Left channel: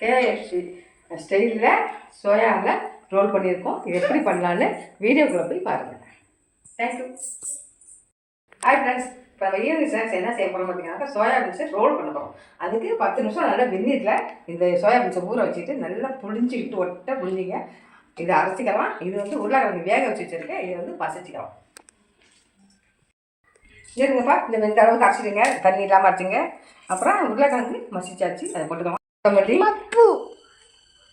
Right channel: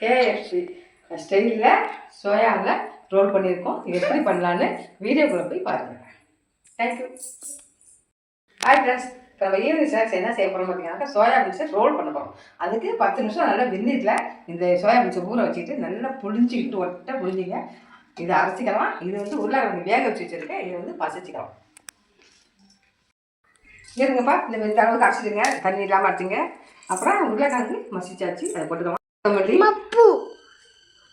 KFC ஸ்டைலில் சோயாவில் role பண்ணியிருக்கோம். இது எப்படி பண்ணலான்னு வீடியோக்குள்ளே போய் பாருங்கள். தேங்க்யூ. ஹாய் ஃப்ரெண்ட்ஸ், இப்போ நம்ம ஈவினிங் ஸ்நாக்ஸ் என்ன செய்ய போகிறோம் பார்த்தீங்கன்னா, சோயா பீன்ஸை ரோல் பண்ண போகிறோம். அதுக்கு 10 நிமிஷம் நல்லா வெந்நீரில் இந்த சோயா பீன்ஸை ஊற வச்சுட்டு நல்லா புழிஞ்சிக்கிட்டு ஒட்டை புழிஞ்சிங்க. இதை அரைச்சிக்கலாம். இது உருளைக்கிழங்கு வேக வச்சு வச்சுருக்கேன். இதை மசிச்சுக்கலாம். இருங்கப்பா, இந்த அளவுக்கு அரைச்சிடுங்க. தண்ணி இல்லாமல் அரைச்சிங்க. அப்புறம் உருளைக்கிழங்கு மசிச்சாச்சு, அதை போட்டுக்கலாம். கொத்தமல்லி,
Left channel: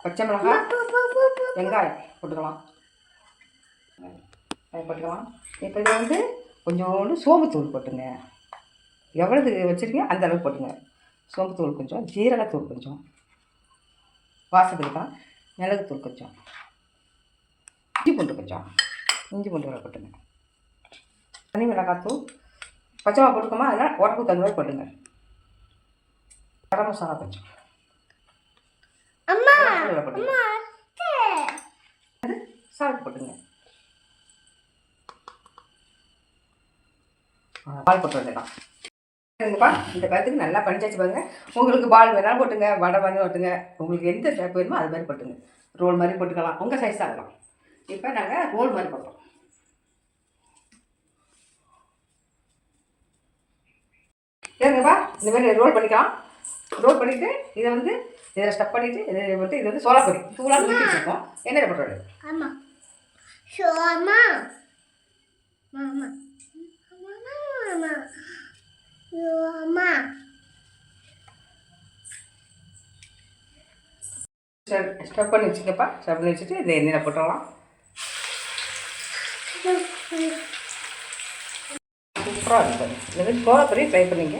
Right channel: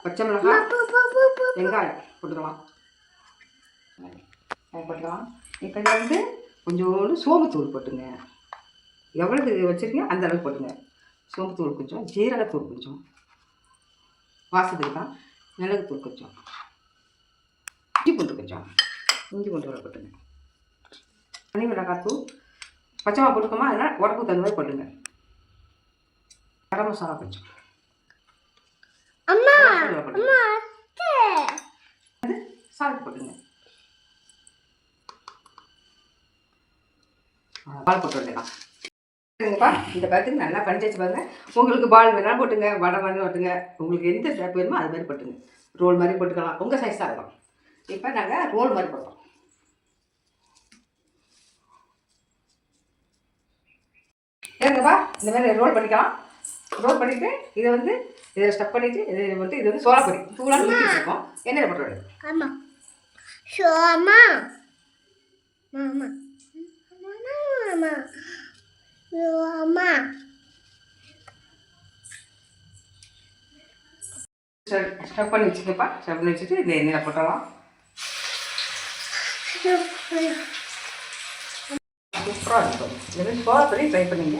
பச்சை மிளகாய், வெங்காயம் போட்டுக்கலாம். அதை போட்டுக்கலாம். இப்போ இதில் கொஞ்சோண்டு சோம்புத்தூள் போட்டுங்க. எவ்வளவு வச்சுருக்கீங்க அந்த அளவுக்கு போட்டுங்க. சோம்புத்தூள் கொஞ்சம், ஜீரகத்தூள் கொஞ்சம், வாசத்துக்கு தான் மிளகுத்தூள் கொஞ்சம், இஞ்சி பூண்டு கொஞ்சம், இஞ்சி பூண்டு கூட போட்டுங்க. தனி மிளகாத்தூள், பச்சை மிளகா போட்டுக்கோமா, அதனால் உரப்பு தகுந்த மாதிரி போட்டுங்க. கரம் மசாலா கொஞ்சம், சால்ட் போட்டுங்க. பால் போட்டு வந்துடலாம். சரிங்கப்பா, இந்த கருத்துக்கு நல்லா பண்ணிச்சாச்சு பாருங்க. உங்களுக்கு பால் வேணாலும் போட்டுங்க, வடை மாதிரி போட்டுங்க. உங்களுக்கு எந்த ஷேப் வேணுமோ அது மாதிரி போட்டுங்க. ரோல் மாதிரி போட்டுக்கலாம், உங்கள் சைஸ் தான் இருக்கும். இப்போ நாங்கள் ரோல் மாதிரி போட்டோம். ஏங்கப்பா, இந்த மாதிரி ரோல் பண்ணிக்கலாம். ரோல் பண்ணிவிட்டு இதை இதில் ஸ்டப் பண்ணிவிட்டு இதில் போட்டு இது சோளப்பொடி தூளாக ஊற்றி வச்சுருக்கோம். எண்ணெயில் போட்டுவிடு. ஆமாம், சோமா மாமா மாமா அம்மா ஸ்டப் பண்ணி வச்சுக்கப்பா. ஸ்டப் பண்ணி வச்சுட்டு இதில் எண்ணெயில் போட்டுடலாம். சூப்பராக இருக்கும். இந்த மாதிரி சோளப்பொடி ட்ரை பண்ணிங்க.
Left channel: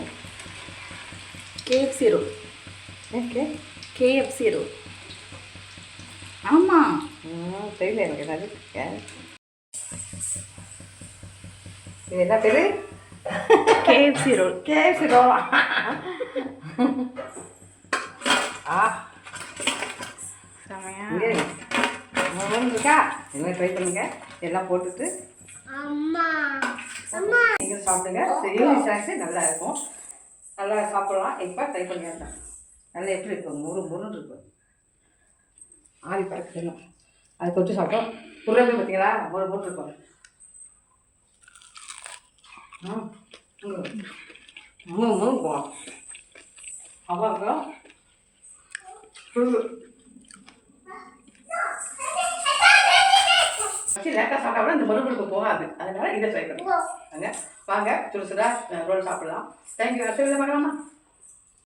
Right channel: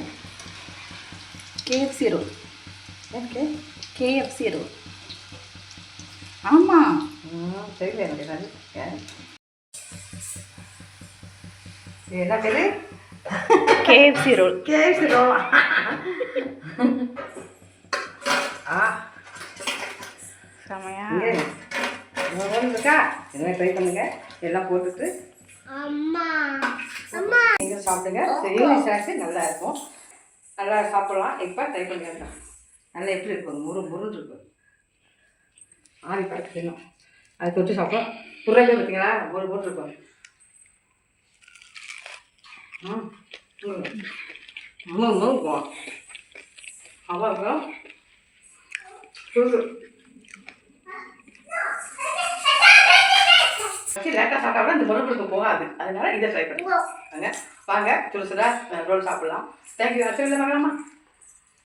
KFC roll. Okay, KFC roll. ஆமாம், தெரியல எனக்கு ஏதாவது. என்ன பேர்? KFC roll. KFC roll. செமையா இருக்கா? என்ன ட்ரை பண்ணுங்க. எல்லாம் போட்டுட்டு அம்மா அம்மா நீங்கள் சாப்பிடுங்க. ஈவினிங் ஸ்நாக்ஸு நல்லா இருக்கும். நல்லா சாப்பிடலாம். இப்போ ட்ரை பண்ணிடலாம். நல்லா எப்படி இருக்கும், முருன்னு இருக்கும். ஆவி பறக்கணும். அது தொட்டு சாப்பிட்டோம். உருளை பார்த்தீங்களா, ஒரு இருக்கும். அவ்வளோ லேட்டாக சாப்பிட்டா கூட இந்த மறுபடிக்கு போகாது. அதனால இதை ட்ரை பண்ணுங்க. வாங்க சுடு சுடா ரோல் சாப்பிடலாம். தேங்க்யூ. அடுத்த வீட்டில் பார்க்கலாமா?